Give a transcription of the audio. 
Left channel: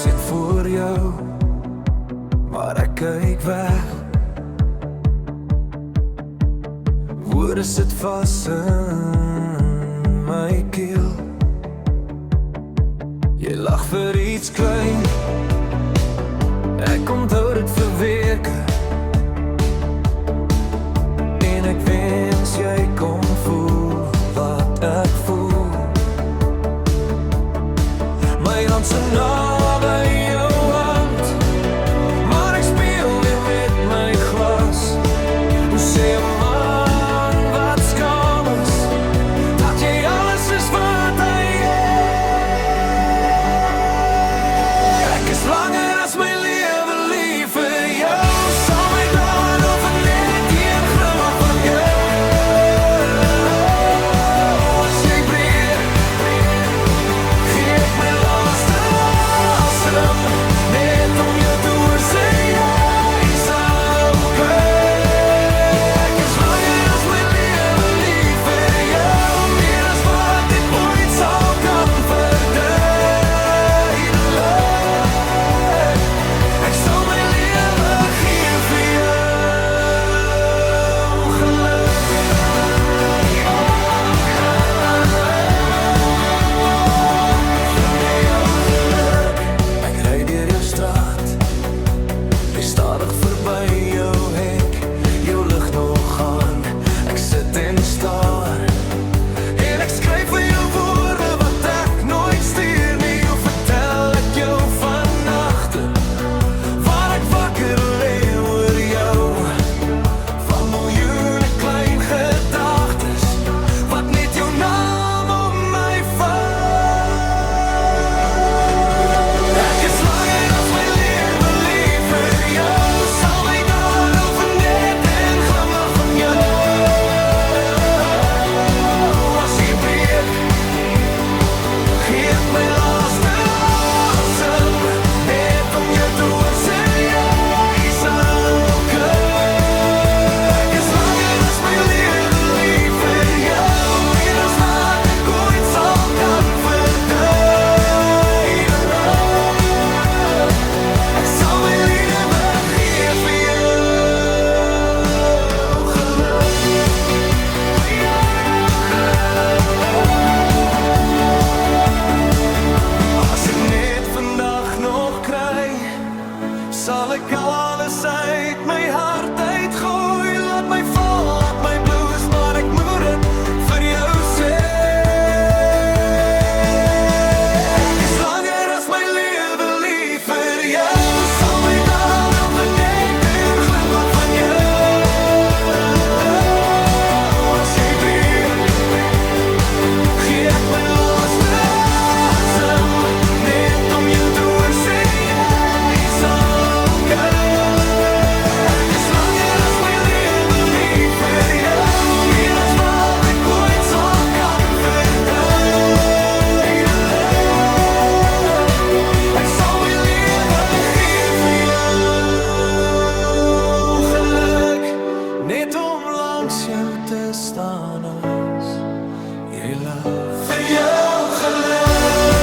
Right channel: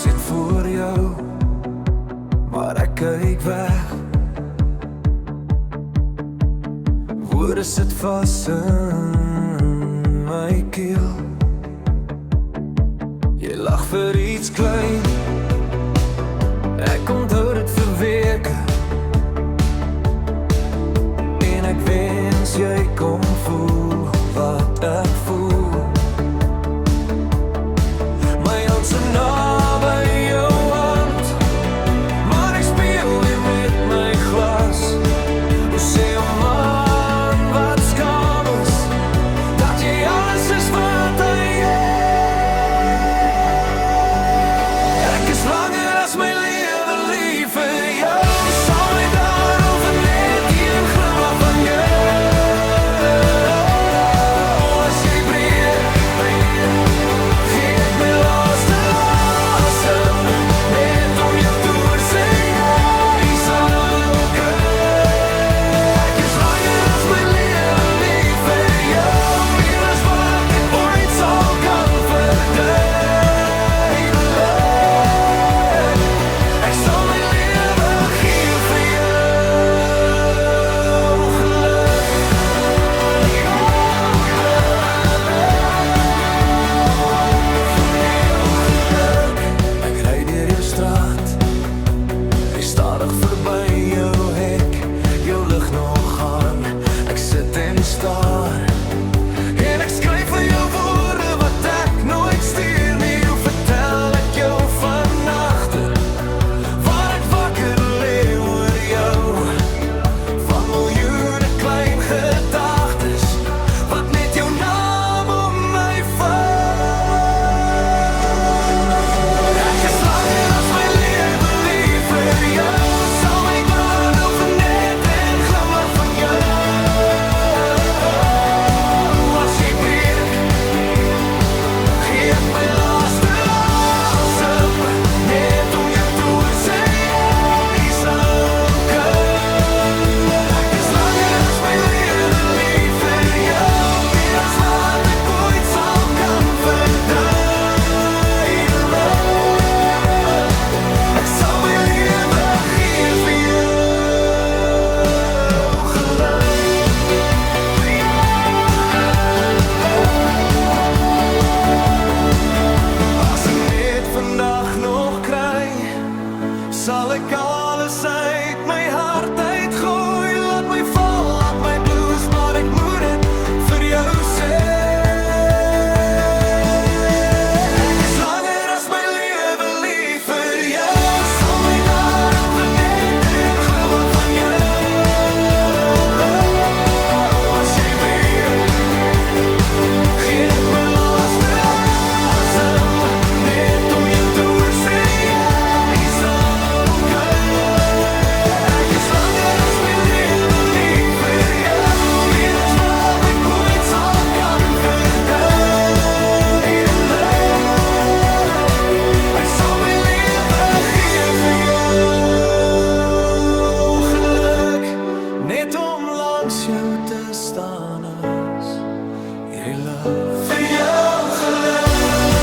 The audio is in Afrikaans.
sit voor jou, maar ek kyk weg. Woorde sit vas in my keel. Jy lag vir iets klein, ek onthou dit vir weke. En ek wens jy kon voel wat ek voel. My hand so naby jou hand, maar ek speel weer met my glas. Hoe sê 'n man wat skaam is, dat jy alles is wat hy is. Ek is langer as my lewe lief vir jou. Sal my daar over net die een glimlach van jou. As jy breek, gee ek my laaste asem, net om jou te hoor sê jy's okay. Ek is langer as my lewe lief vir jou, meer as wat ek ooit sal kan verduidelik. Ek sal my lewe gee vir jou geluk. Ek ry deur jou straat, ry stadig verby jou hek, jou lig nog aan. Ek sit en staar, en ek skryf vir jou woorde wat ek nooit stuur nie. Hoe vertel ek jou van nagte waar ek wakker lê oor jou, van miljoene klein gedagtes wat net jou naam om my vat. Ek is langer as my lewe lief vir jou. Sal my daar over net een glimlach van jou. As jy breek, gee ek my laaste asem, net om jou te hoor sê jy's okay. Ek is langer as my lewe lief vir jou, meer as wat ek ooit sal kan verduidelik. Ek sal my lewe gee vir jou geluk. Vir jou geluk. As ek net vandag nog kry, sal ek al alles uit my hart uitgooi. Laat my val, laat my bloes, maar ek moet dit vir jou sê. Ek is langer as my lewe lief vir jou. Sal my daar over net een glimlach van jou. As jy breek, gee ek my laaste asem, net om jou te hoor sê jy's okay. Ek is langer as my lewe lief vir jou, meer as wat ek ooit sal kan verduidelik. Ek sal my lewe gee vir jou geluk, net om langs jou te staan as jy lag. Vir jou geluk.